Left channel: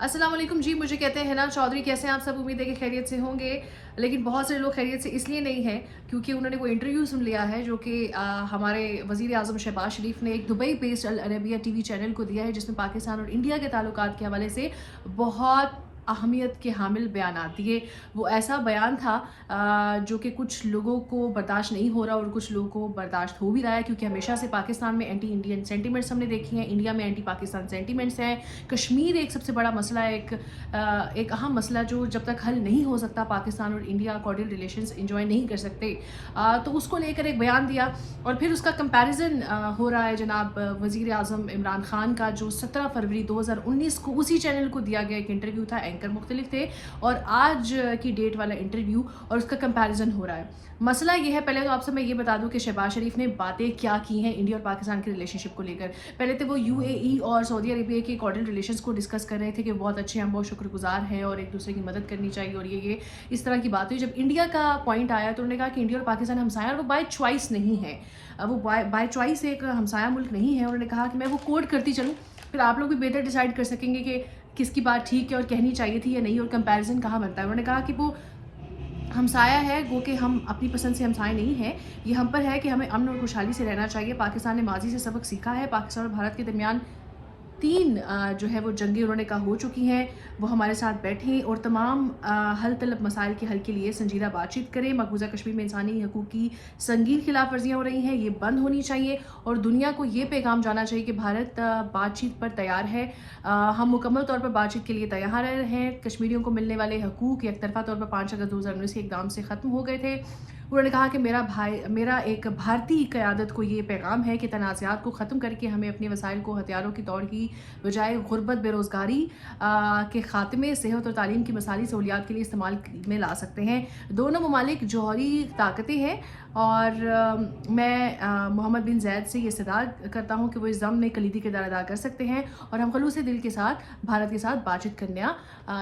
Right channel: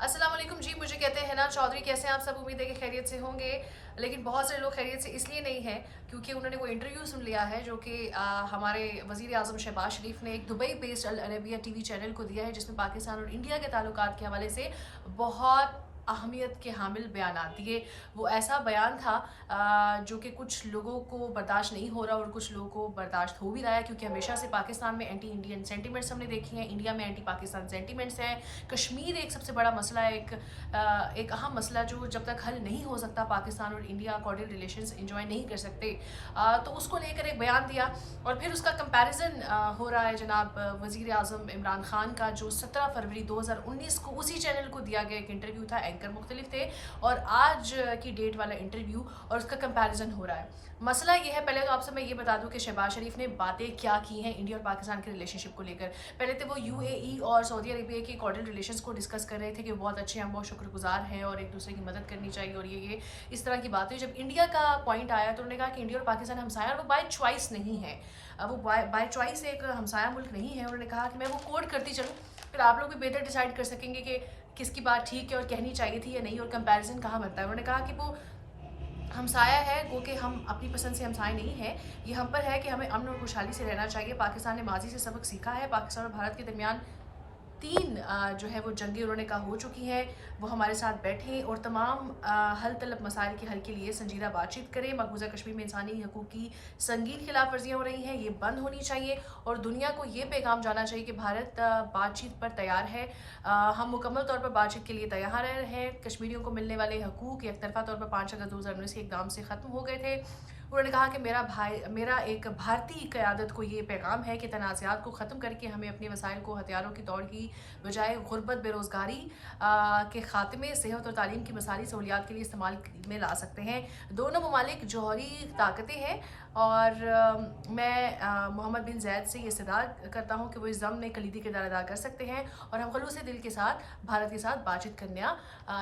अस्सलाम वालेकुम जी, मुझे कहते हैं हिना चौधरी। कैसे हैं आप सब? उम्मीद है कि खैरियत से होंगे। लेकिन बहुत से लोग खैरियत से इसलिए नहीं हैं क्योंकि उन्होंने वो इंटरव्यू सुन लिया है जो कि हमारे वज़ीर आज़म शहबाज शरीफ ने एक दुबई बेस्ड अल अरबिया टीवी चैनल को दिया है, जिसमें पाकिस्तान और इंडिया के ताल्लुकात के हवाले से बहुत अहमियत के हामिल बयानात दिए। वो ऐसा बयान था जो कि कुछ लोगों को बर्दाश्त नहीं हो रहा और कुछ लोगों को बर्दाश्त हो भी रहा है, क्योंकि हमेशा से पाकिस्तान में एंटी इंडियन सेंटिमेंट्स हमने देखी हैं, इंडिया में एंटी पाकिस्तान सेंटिमेंट्स हैं। कश्मीर एक सबसे बड़ा मसला है, एक अहम मसला जो जब तक हल नहीं हो सकता पाकिस्तान और इंडिया कॉर्डियल रिलेशंस एंजॉय नहीं कर सकते। तो उसको लेकर एक बयान दिया और फिर उसका कंपैरिजन हो रहा है जनाब वज़ीर आज़म इमरान खान का, जो 17 फरवरी 2019 को उसी चैनल को दिया गया एक इंटरव्यू था। एंकर मुख्तलिफ थे और आज की डेट वाला इंटरव्यू, और उसका कंपैरिजन हो रहा है। मसला ये है, पहले तो आपसे मैं ये बता दूं कि शहबाज शरीफ ने बातें क्या की हैं इंडिया और पाकिस्तान के रिलेशनशिप को लेकर। पहले तो वो यूएई और सऊदी अरेबिया के कॉर्डियल रिलेशंस को डिस्कस कर रहे थे कि बहुत अच्छे हैं, बहुत शुक्रगुजार हैं और एक दूसरे की मदद करनी चाहिए और ये इस तरह की बात हुई। जब इंडिया का पॉइंट आया तो उन्होंने कहा कि इंडिया और पाकिस्तान हमसाया और वो बाय चॉइस नहीं है, वो बाय चॉइस एक हमसाया मुल्क नहीं है। उन्होंने कहा कि मैं वो कोड करती चलूँ, फिर आप लोग भी बेहतर डिसाइड कर सकेंगे कि किसकी बात ठीक है और कहनी चाहिए थी या नहीं, और कंपैरिजन कहाँ बनता है। उन्होंने कहा कि वो हमसाया है, गो कि हम अपनी पसंद से हमसाए नहीं हैं, ये हम पर है कि हमें अमन और खुशहाली से रहना चाहिए। पाकिस्तान ने माजी से सबक सीखा है। पाकिस्तान और भारत के दरमियान 3 जो है वो जंगें उन्होंने कहा हो चुकी हैं। वो हमारे साथ बैठें और तमाम हल तलब मसाइल के हल के लिए संजीदा बातचीत करें। मकबूजा कश्मीर में इंसानी हकूक़ की संगीन खिलाफ वर्जियाँ हो रही हैं, ये बंद होनी चाहिए और दुनिया को ये पैगाम जाना चाहिए कि भारत बातचीत पर तैयार है। हम मुकम्मल तौर पर बातचीत के लिए तैयार हैं। कश्मीरियों को मिलने वाले हकूक़ एकतरफ़ा तौर पर 5 अगस्त 2019 के इक़दाम से ख़त्म हो गए थे। उन्होंने कहा कि मेरा एक भारतीय क़यादत को ये पैगाम है कि तनाज़ात को ख़त्म करके हमें अपने वसाइल को हथियारों की दौड़ की बजाय गुर्बत, बेरोज़गारी के ख़ात्मे, सेहत और तालीम की मसाली सहूलियात के लिए इस्तेमाल में ला सकते हैं। दोनों ममालिक जौहरी ताकतें हैं और मैं मोहम्मद बिन ज़ैद से ये इस्तदाद करता हूँ कि वो इस ज़म में कलीदी किरदार अदा कर सकते हैं और हम खलूस दिल के साथ भारत के साथ बातचीत करना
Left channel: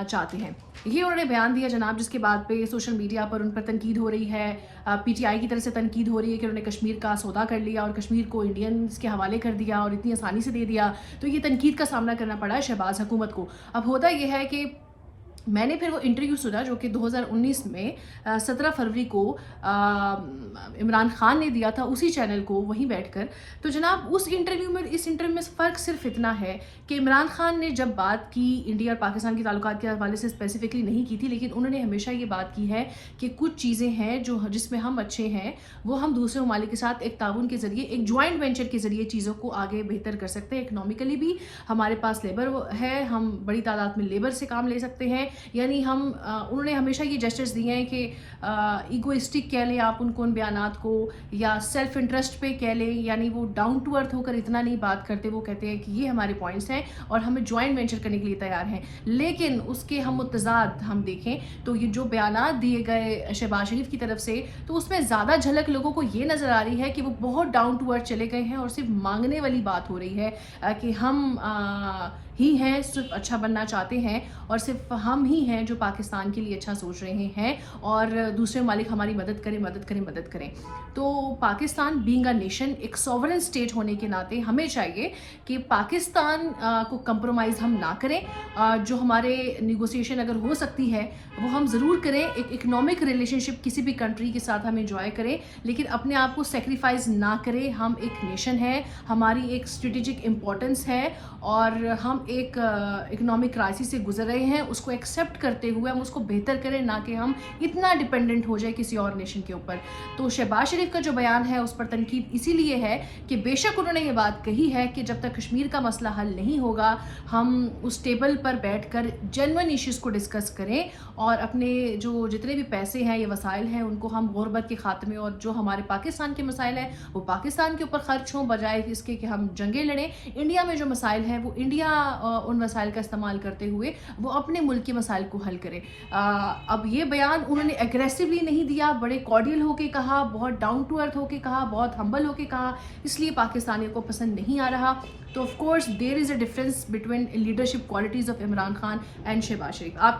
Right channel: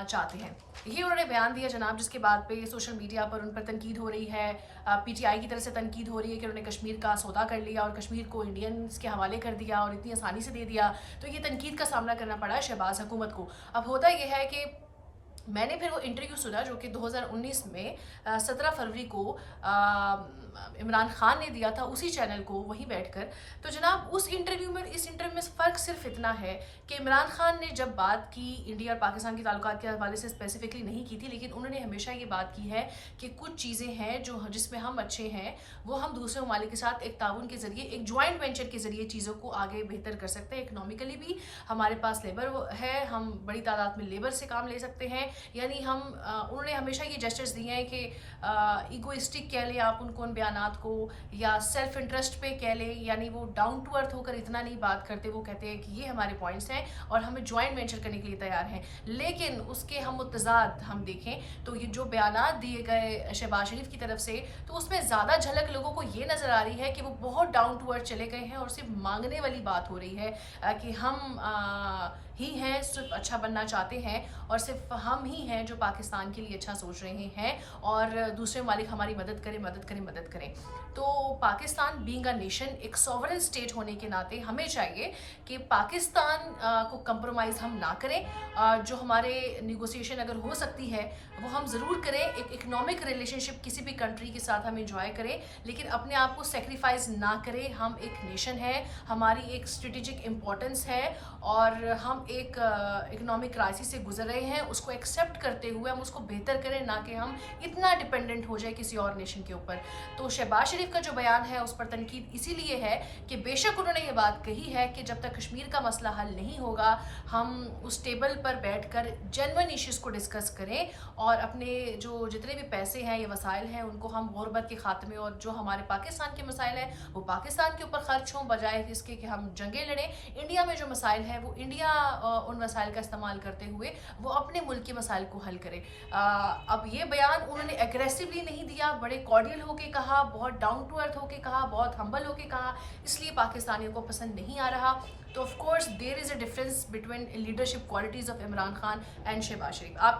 चाहते हैं। ये उन्होंने बयान दिया जनाब, जिसके बाद पे सोशल मीडिया पर उन पर तनकीद हो रही है। पीटीआई की तरफ से तनकीद हो रही है कि उन्होंने कश्मीर का सौदा कर लिया और कश्मीर को इंडियंस के हवाले कर दिया और इतनी आसानी से दे दिया, तो ये तनकीद का सामना करना पड़ा है शहबाज हुकूमत को। अब होता यह है कि मैंने फिर वो इंटरव्यू सुना जो कि 2019 में 17 फरवरी को इमरान खान ने दिया था उसी चैनल को, वहीं बैठकर। तो जनाब उस इंटरव्यू में इस इंटरव्यू में फ़र्क सिर्फ इतना है कि इमरान खान ने जब बात की इंडिया और पाकिस्तान के ताल्लुकात के हवाले से स्पेसिफिकली नहीं की थी, लेकिन उन्होंने हमेशा ये बात की है कि कुछ चीज़ें हैं जो जिसमें हम अच्छे हैं, वो हम दूसरे ममालिक के साथ एक ताउन के ज़रिए, एक जॉइंट वेंचर के ज़रिए चीज़ों को आगे बेहतर कर सकते हैं। इकनॉमिकली भी हमारे पास लेबर है, हम बड़ी तादाद में लेबर से काम ले सकते हैं। यानी हम उन्होंने हमेशा ये जेस्चर्स दिए हैं कि ईगोइस्टिक कह लें आप उनको उन बयानात को, या सेल्फ इंटरेस्ट पे कह लें, यानी वो डाउन टू अर्थ होकर इतना नहीं बात करते। वो कहते हैं कि ये हमारे पॉइंट्स हैं और हमें जॉइंट वेंचर करने के लिए तैयार हैं। लेकिन उसके हम मुतज़ाद हम देखें तो ये जो बयानात दिए गए शहबाज शरीफ की तरफ से, तो उसमें ज़्यादा झलक लोगों को ये नज़र आ रही है कि वो बहुत डाउन टू अर्थ चले गए हैं और सिर्फ मांगने वाली बात हो रही है कि हम ही हैं, सिर्फ अच्छा बनना चाहते हैं और सिर्फ हम ही हैं जो पाकिस्तान के लिए अच्छा सोच रहे हैं और दूसरे ममालिक हमारी मदद करें, मदद करें, मदद करें। तो पाकिस्तान बीइंग अ नेशन, एक सॉवरेन स्टेट होने के नाते हमें चाहिए कि पाकिस्तान को कंप्रोमाइज़ हम ना करें। जो हमारे निगोसिएशन अगर हो सकती है वो हम ज़रूर करें। एक इकनॉमिक रिलेशनशिप किसी भी कंट्री के साथ हम इंजॉय करें, लेकिन अपने आप को सेक्रीफाइस ना करें। हम एक नेशन है, हमारी एक स्ट्रेटेजिक इम्पोर्टेंस है और हम एक इकोनॉमिक क्राइसिस से गुजर रहे हैं। उसको एक्सेप्ट करते हुए हम उसको बेहतर करें, ना कि हम इतना डिपेंडेंट हो जाए किसी और नेशन के ऊपर। तो शहबाज शरीफ का जो बयान है उस पर तनकीद इसीलिए है कि बेशक उन्होंने ये बात कही है कि जब तक कश्मीर का मसला हल नहीं होगा हम उस टेबल पर बैठकर जेन्युइन इश्यूज़ को डिस्कस करें और अपने जो जितने भी पैसे हैं, ये वसाइल हैं, उनको हम गुर्बत के खात्मे और जो हमारे पाकिस्तान के मसाइल हैं वो पाकिस्तान के ऊपर खर्च हों, बजाय इसके कि हम जंगें लड़ें। इंडिया में जो मसाइल हैं वो इंडिया उन वसाइल का इस्तेमाल करते हुए वो अपने मुल्क के मसाइल को हल करे। अब ये बयान उन्होंने एग्रेसिवली नहीं दिया, बड़े कॉर्डियल होके कहा, बहुत डाउन टू अर्थ होके कहा, बहुत हम्बल होके कहा, इसलिए पाकिस्तानियों को पसंद नहीं आ रहा। तो of course there is a difference between leadership qualities of Imran Khan and Shahbaz Sharif. आप